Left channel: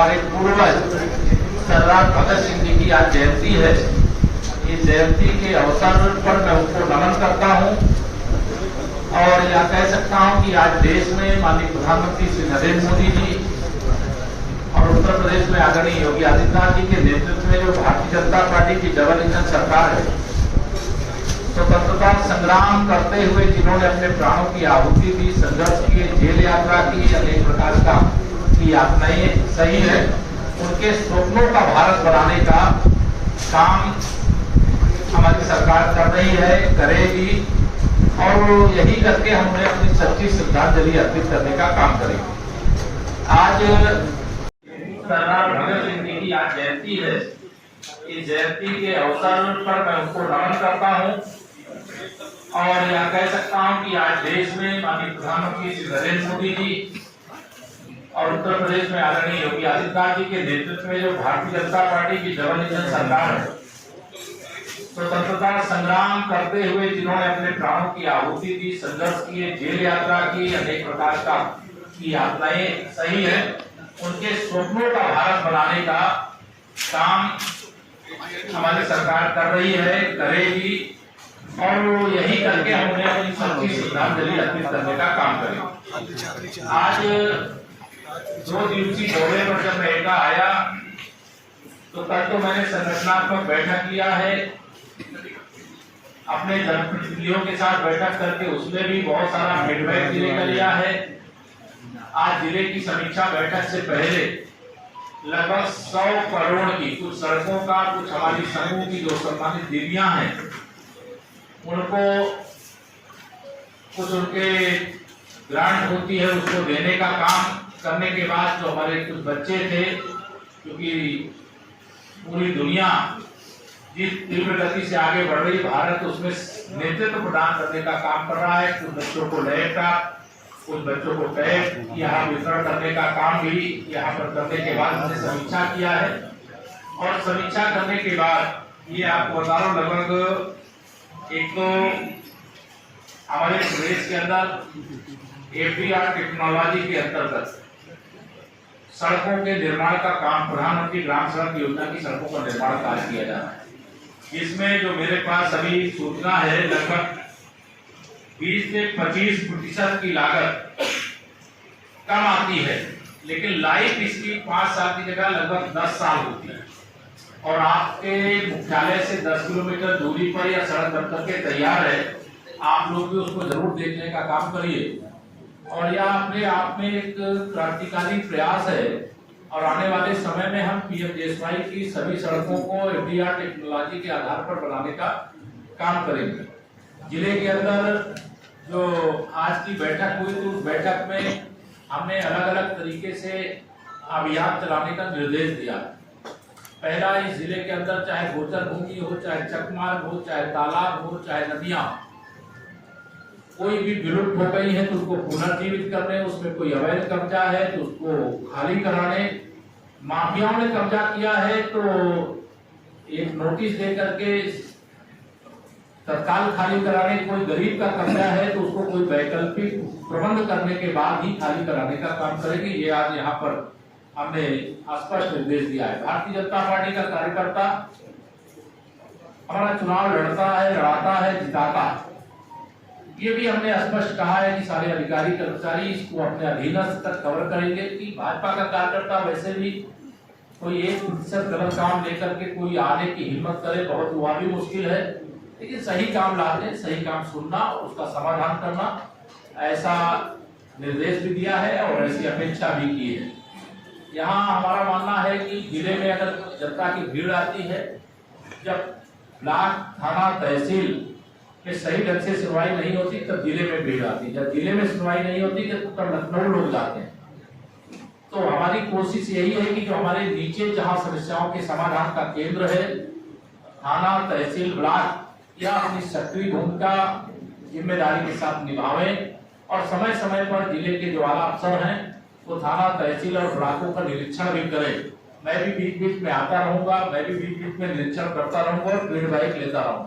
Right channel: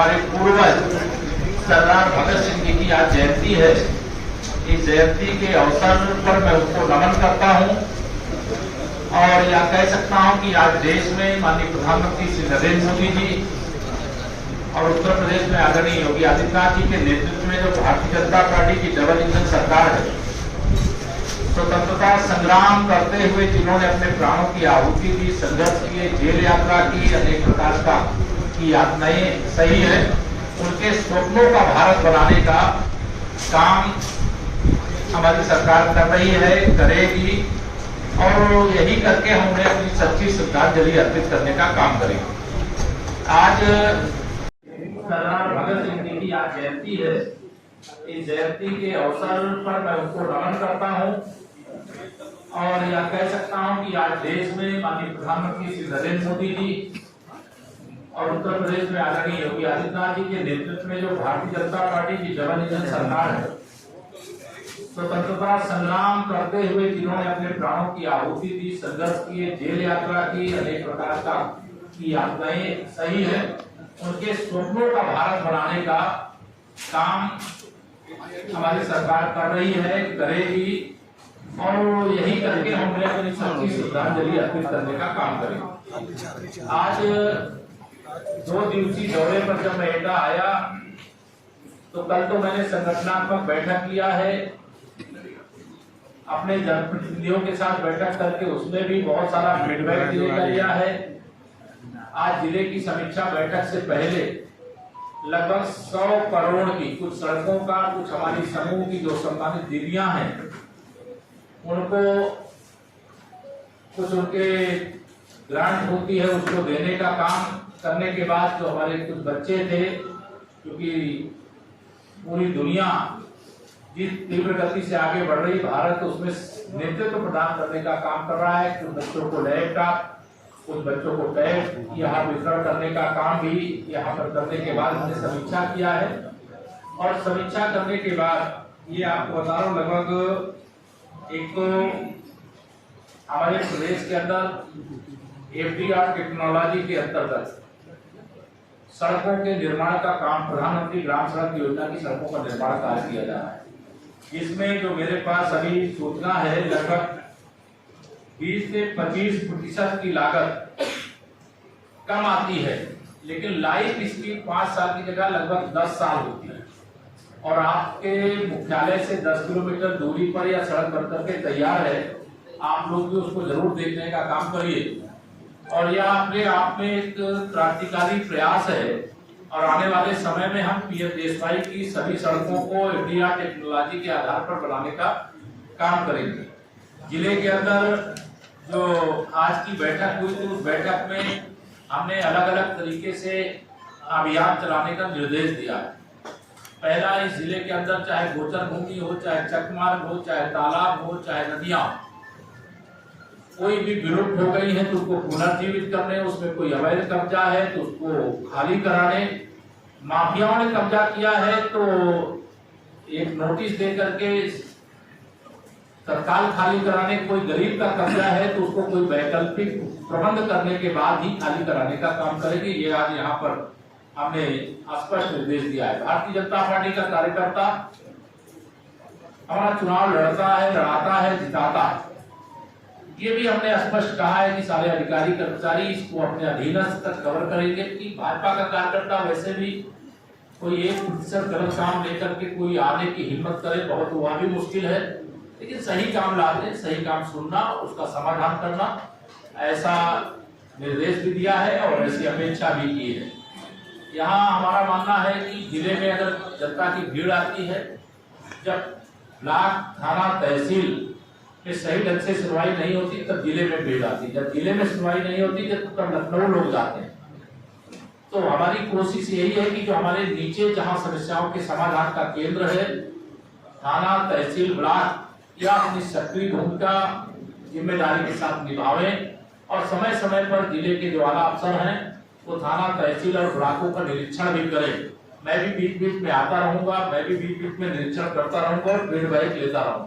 हमारे पूर्वज सरदार भगत सिंह जी की आज जयंती है। इस जयंती के अवसर पर मैं उनको नमन करता हूं और यह कह सकता हूं कि आज देश में माननीय प्रधानमंत्री श्री नरेंद्र मोदी जी और उत्तर प्रदेश में आदरणीय योगी आदित्यनाथ जी के नेतृत्व में जो भारतीय जनता पार्टी की डबल इंजन सरकार है, स्वतंत्रता संग्राम करते हुए जिन्होंने अपने प्राणों की आहुति दी, संघर्ष किए, जेल यात्रा की, अनेक प्रकार का की यातनाएं सही है, उनके स्वप्नों का भारत बनाने का काम हमारी सरकार कर रही है, करेगी और यही करके हम उन्हें अपनी सच्ची श्रद्धांजलि अर्पित करने का काम करेंगे। आज सरदार भगत सिंह जी की आज जयंती है। इस जयंती के अवसर पर मैं उनको नमन करता हूं और यह कह सकता हूं कि आज देश में माननीय प्रधानमंत्री श्री नरेंद्र मोदी जी और उत्तर प्रदेश में आदरणीय योगी आदित्यनाथ जी के नेतृत्व में जो भारतीय जनता पार्टी की डबल इंजन सरकार है, स्वतंत्रता संग्राम करते हुए जिन्होंने अपने प्राणों की आहुति दी, संघर्ष किए, जेल यात्रा की, अनेक प्रकार का की यातनाएं सही है, उनके स्वप्नों का भारत बनाने का काम हमारी सरकार कर रही है, करेगी और यही करके हम उन्हें अपनी सच्ची श्रद्धांजलि अर्पित करने का काम करेंगे। आज 2 दिवसीय दौरे पर जब मैं एटा आया तो कल तो मैंने संगठनात्मक बैठक किया है, अपने जनप्रतिनिधियों के साथ बैठक करके उसमें भी बहुत सारा फीडबैक जिले का लिया है। आज जिले की समीक्षा बैठक से पहले लगभग 100 करोड़ की कुछ सड़कों का, कुछ हमारी समूह की जो सम्मानित दीदियां हैं उनको कुछ उनके ग्रांट होती है उसको देने का काम करने के बाद जो हमारे कुछ बच्चे थे, क्योंकि पूरी दुनिया जिस तीव्र गति से आगे बढ़ रही, भारत उसमें नेतृत्व प्रदान करने का काम कर रहा है। कुछ बच्चों को लैपटॉप, कुछ बच्चों को टैब यहाँ वितरण करने का काम भी यहाँ पर करने के बाद हमने समीक्षा किया है और समीक्षा करने के बाद ये आपको बता रहा हूँ, लगभग एक तो हमारे प्रदेश के अंदर एफडीआर टेक्नोलॉजी के अंतर्गत सड़कों के निर्माण का काम, प्रधानमंत्री ग्राम सड़क योजना की सड़कों का निर्माण कार्य किया जा रहा है, जिसमें जो मेरे पास अभी सूचना है लगभग 20 से 25% की लागत कम आती है, लेकिन लाइफ इसकी 5 साल की जगह लगभग 10 साल होती है और आपके मुख्यालय से 10 किलोमीटर दूरी पर या सड़क बन करके तैयार है, आप लोग भी उसको जरूर देखने का काम करिए और यह अपने आप में एक क्रांतिकारी प्रयास है और आने वाले समय में हम पीएमजीएसवाई की सभी सड़कों को एफडीआर टेक्नोलॉजी के आधार पर बनाने का काम करेंगे। जिले के अंदर जो आज की बैठक हुई तो उस बैठक में हमने अलग अलग तरीके से अभियान चलाने का निर्देश दिया। पहला, इस जिले के अंदर चाहे गोचर भूमि हो, चाहे चकमार्ग हो, चाहे तालाब हो, चाहे नदियां, कोई भी विलुप्त हो गई है तो उसको पुनर्जीवित करने, उसमें कोई अवैध कब्जा है तो उसको खाली कराने, माफियाओं ने कब्जा किया है तो एक नोटिस दे करके तत्काल खाली कराने, कोई गरीब का कब्जा है तो उसको कोई वैकल्पिक प्रबंध करने के बाद ही खाली कराने का काम करेगी। ये आज यहाँ पर हमने स्पष्ट निर्देश दिया है। भारतीय जनता पार्टी का कार्यकर्ता हमारा चुनाव लड़ता है, लड़ाता है, जिताता है, ये भी हमने स्पष्ट कहा है कि सारे अधिकारी कर्मचारी इसको अपने अधीनस्थ तक कवर करेंगे कि भाजपा का कार्यकर्ता वैसे भी कोई 1% गलत काम लेकर के कोई आने की हिम्मत करे, बहुत हुआ भी मुश्किल है, लेकिन सही काम लाने, सही काम सुनना, उसका समाधान करना, ऐसा निर्देश भी दिया है और ऐसी अपेक्षा भी की है। यहाँ हमारा मानना है कि जिले में अगर जनता की भीड़ आती है, जब ब्लॉक, थाना, तहसील में सही ढंग से सुनवाई नहीं होती तब जिले में भीड़ आती है, जब जिले में सुनवाई नहीं होती तब लखनऊ लोग जाते हैं। तो हमारी कोशिश यही है कि जो हमारे नीचे जहां समस्याओं के समाधान का केंद्र है, थाना, तहसील, ब्लॉक, या अपनी सक्रिय भूमिका जिम्मेदारी के साथ निभावें और समय समय पर जिले के जो आला अफसर हैं वो थाना, तहसील और ब्लॉकों का निरीक्षण भी करें। मैं भी बीच बीच में आता रहूंगा, मैं भी बीच बीच में निरीक्षण करता रहूंगा और फीडबैक लेता रहूंगा।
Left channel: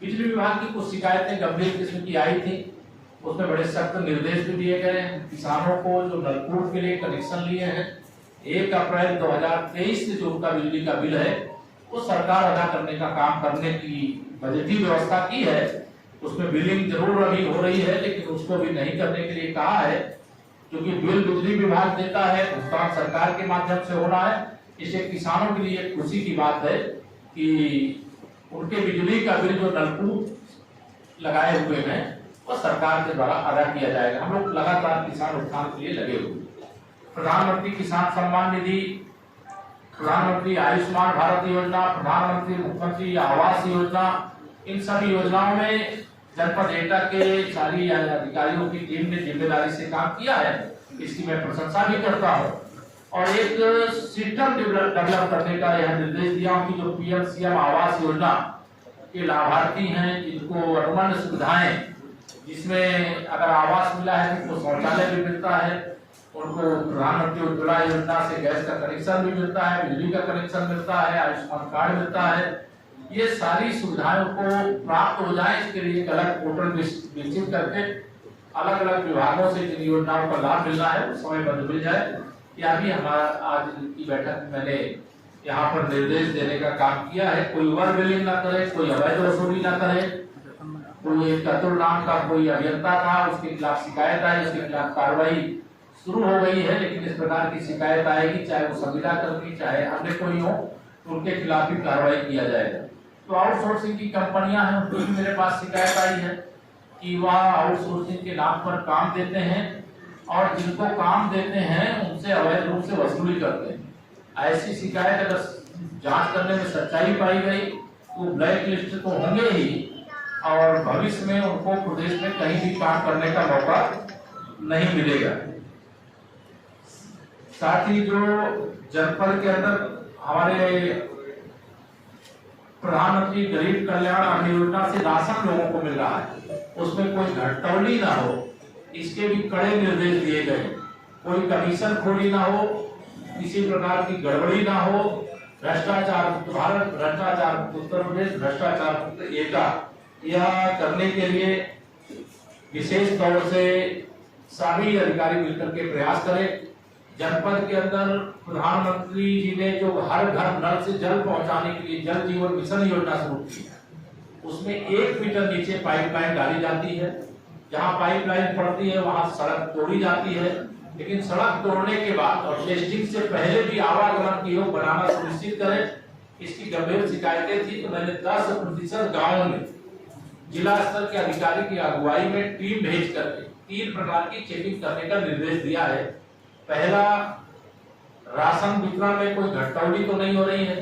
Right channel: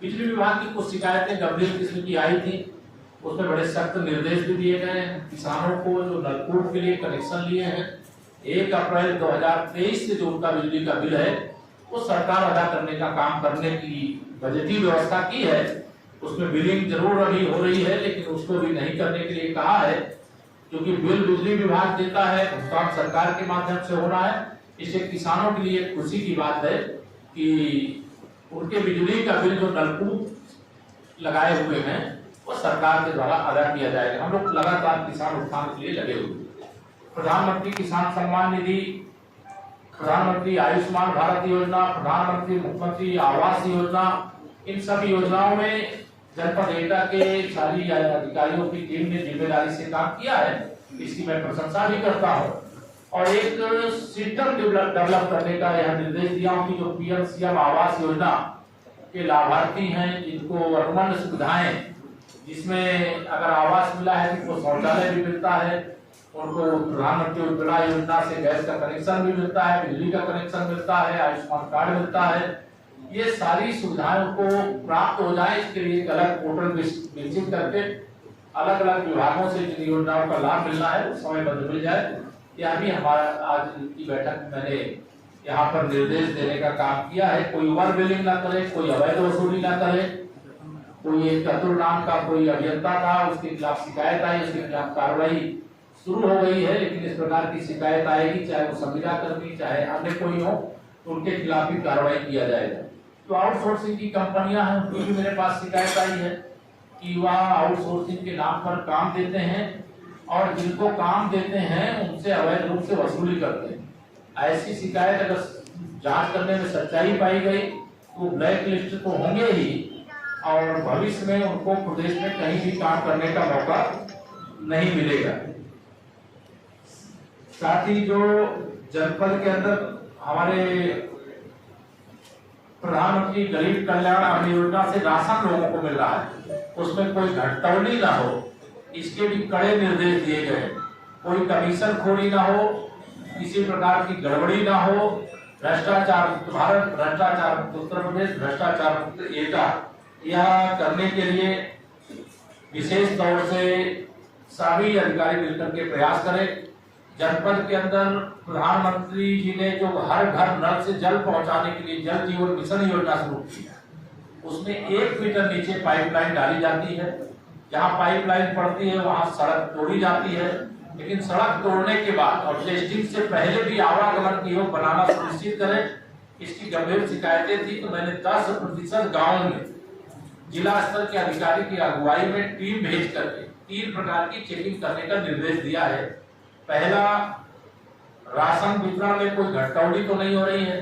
बिजली विभाग की कुछ शिकायतें गंभीर किस्म की आई थी, उसमें बड़े सख्त निर्देश भी दिए गए हैं। किसानों को जो नलकूप के लिए कनेक्शन लिए हैं 1 अप्रैल 2023 से जो उनका बिजली का बिल है वो सरकार अदा करने का काम करने की बजटीय व्यवस्था की है। उसमें बिलिंग जरूर अभी हो रही है, लेकिन उसको भी नहीं करने के लिए कहा है, क्योंकि बिल बिजली विभाग देता है, भुगतान सरकार के माध्यम से हो रहा है। इससे किसानों के लिए खुशी की बात है कि उनके बिजली का बिल जो नलकूप लगाए हुए हैं वो सरकार के द्वारा अदा किया जाएगा। हम लोग लगातार किसान उत्थान के लिए लगे हुए। प्रधानमंत्री किसान सम्मान निधि, प्रधानमंत्री आयुष्मान भारत योजना, प्रधानमंत्री मुख्यमंत्री आवास योजना, इन सभी योजनाओं में जनपद एटा के सारी अधिकारियों की टीम ने जिम्मेदारी से काम किया है, इसकी मैं प्रशंसा भी करता हूँ। और एक सिस्टम डेवलप करने का यह निर्देश दिया हूँ कि जो पीएम आवास योजना के लाभार्थी हैं, जिनको अनुमंड सुविधाएं, जिसमें अगर आवास मिला है तो शौचालय भी मिलता है, उनको प्रधानमंत्री उज्ज्वला योजना से गैस का कनेक्शन भी मिलता है, बिजली का कनेक्शन मिलता है, आयुष्मान कार्ड मिलता है। ये सारी सुविधाएं को प्राप्त हो जाए, इसके लिए एक अलग पोर्टल विकसित करके अलग अलग विभागों से जिन योजनाओं का लाभ मिल रहा है उस समय बंद मिल जाए। यह भी हमारा आज की बैठक में मैंने यहाँ पर निर्देश देने का काम किया है। कोई ओवर बिलिंग ना करे, कोई अवैध वसूली ना करे। कोई एक कतुल नाम का कोई अभियंता था, उसके खिलाफ शिकायत आई, उसके खिलाफ कार्रवाई शुरू हो गई है, लेकिन इस प्रकार की शिकायत आएगी, चाहे वो संविदा कर्मी चाहे अन्य कोई हो, तो उनके खिलाफ भी कार्रवाई किया जाएगा। तो आउटसोर्सिंग की कंपनियां हैं, उनको भी मेरे पास शिकायत आई है कि वह आउटसोर्सिंग के नाम पर काम देते हैं और जिनको काम देते हैं उनसे अवैध रूप से वसूली करते हैं। ऐसी शिकायत अगर जांच करने में सच्चाई पाई गई तो ब्लैक लिस्ट तो होंगे ही, और भविष्य में उनको प्रदेश में कहीं भी काम करने का मौका नहीं मिलेगा। साथ ही जो जनपद के अंदर हमारे प्रधानमंत्री गरीब कल्याण अन्न योजना से राशन लोगों को मिल रहा है, उसमें कोई घटतौली ना हो, इसके भी कड़े निर्देश दिए गए। कोई कमीशन खोरी ना हो, किसी प्रकार की गड़बड़ी ना हो, भ्रष्टाचार भारत, भ्रष्टाचार उत्तर प्रदेश, भ्रष्टाचार एटा, यह करने के लिए विशेष तौर से सभी अधिकारी मिलकर के प्रयास करें। जनपद के अंदर प्रधानमंत्री जी ने जो हर घर नल से जल पहुंचाने के लिए जल जीवन मिशन योजना शुरू की है, उसमें 1 मीटर नीचे पाइपलाइन डाली जाती है। जहां पाइपलाइन पड़ती है वहां सड़क तोड़ी जाती है, लेकिन सड़क तोड़ने के बाद और टेस्टिंग से पहले भी आवागमन की योग बनाना सुनिश्चित करें। इसकी गंभीर शिकायतें थी, तो मैंने 10% गाँव में जिला स्तर के अधिकारी की अगुवाई में टीम भेज करके 3 प्रकार की चेकिंग करने का निर्देश दिया है। पहला, राशन वितरण में कोई घटतौली तो नहीं हो रही है,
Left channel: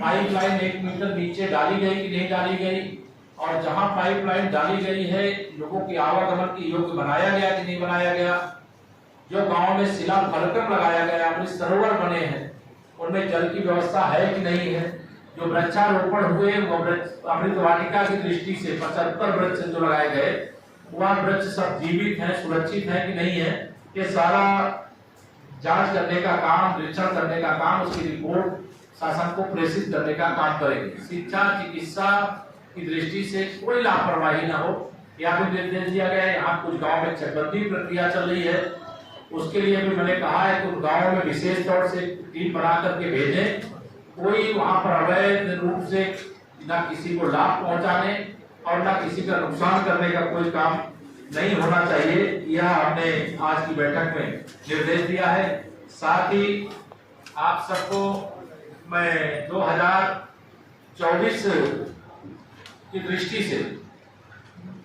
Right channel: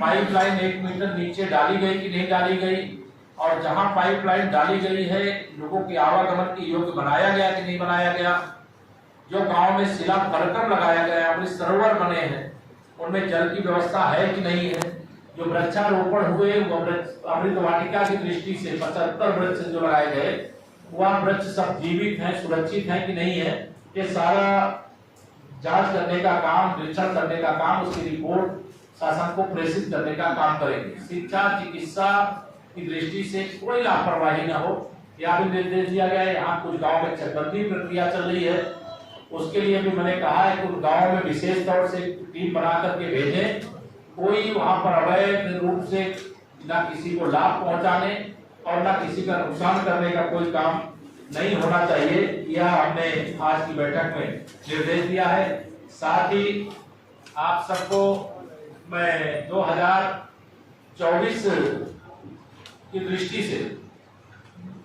पाइपलाइन 1 मीटर नीचे डाली गई कि नहीं डाली गई, और जहां पाइपलाइन डाली गई है लोगों की आवागमन की योग्य बनाया गया कि नहीं बनाया गया, जो गांव में शिला फलकम लगाया गया, अमृत सरोवर बने हैं, उनमें जल की व्यवस्था है कि नहीं है, जो वृक्षारोपण हुए वो अमृत वाटिका की दृष्टि से 75 वृक्ष जो लगाए गए, वह वृक्ष सब जीवित हैं, सुरक्षित है कि नहीं है, ये सारा जांच करने का काम, निरीक्षण करने का काम, उसकी रिपोर्ट शासन को प्रेषित करने का काम करेंगे। शिक्षा चिकित्सा की दृष्टि से कोई लापरवाही न हो, यह भी निर्देश दिया गया है। यहाँ कुछ गाँव में चकबंदी प्रक्रिया चल रही है, उसके लिए भी मैंने कहा है कि गाँव में विशेष तौर से टीम बना करके भेजें। कोई वहाँ पर अवैध रूप से न किसी को लाभ पहुँचाने और न किसी का नुकसान करने का कोई काम नहीं होना चाहिए, यह हमने आज की बैठक में निर्देश दिया है। साथ ही आप सबको मैं 2024 की दृष्टि से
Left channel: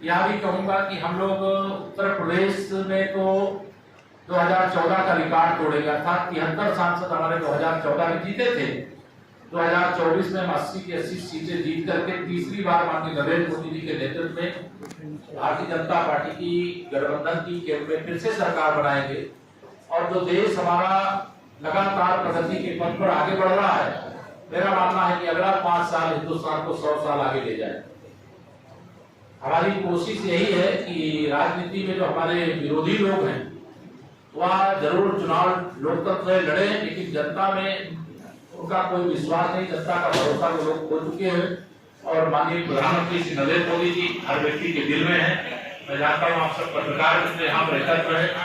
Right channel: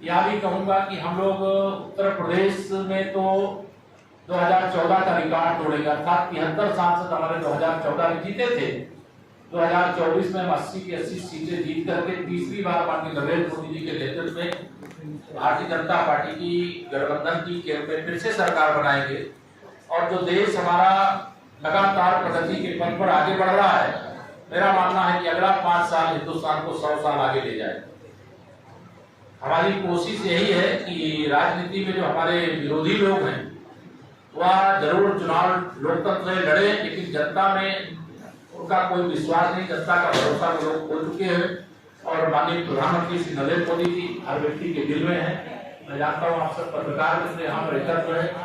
यह भी कहूंगा कि हम लोग उत्तर प्रदेश में तो 2014 का रिकॉर्ड तोड़ेगा, अर्थात 73 सांसद हमारे 2014 में जीते थे। 2024 में हम 80 की 80 सीटें जीत करके तीसरी बार माननीय नरेंद्र मोदी जी के नेतृत्व में भारतीय जनता पार्टी की गठबंधन की केंद्र में फिर से सरकार बनाएंगे, और जो देश हमारा लगातार प्रगति के पथ पर आगे बढ़ रहा है, मेरा मानना है कि अगला 5 साल हिंदुस्तान को 100 साल आगे ले जाए। हमारी कोशिश यही है कि राजनीति में जो हमारे विरोधी लोग हैं वह जरूर चुनाव लोकतंत्र में लड़े, लेकिन जनता में उनका कोई विश्वास नहीं, जनता का भरोसा वो लोग खो चुके हैं। और माननीय प्रधानमंत्री श्री नरेंद्र मोदी जी हर व्यक्ति के दिल में है। मैं जानता हूँ आप सब पत्रकार यहाँ पर रहकर,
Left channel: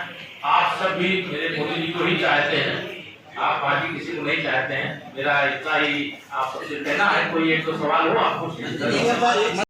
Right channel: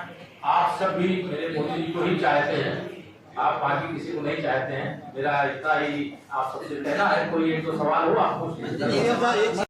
आप सब भी मेरे मोदी जी को ही चाहते हैं। आप पार्टी किसी को नहीं चाहते हैं। मेरा इतना ही आप सबसे कहना है। कोई एक तो सवाल हो आपको?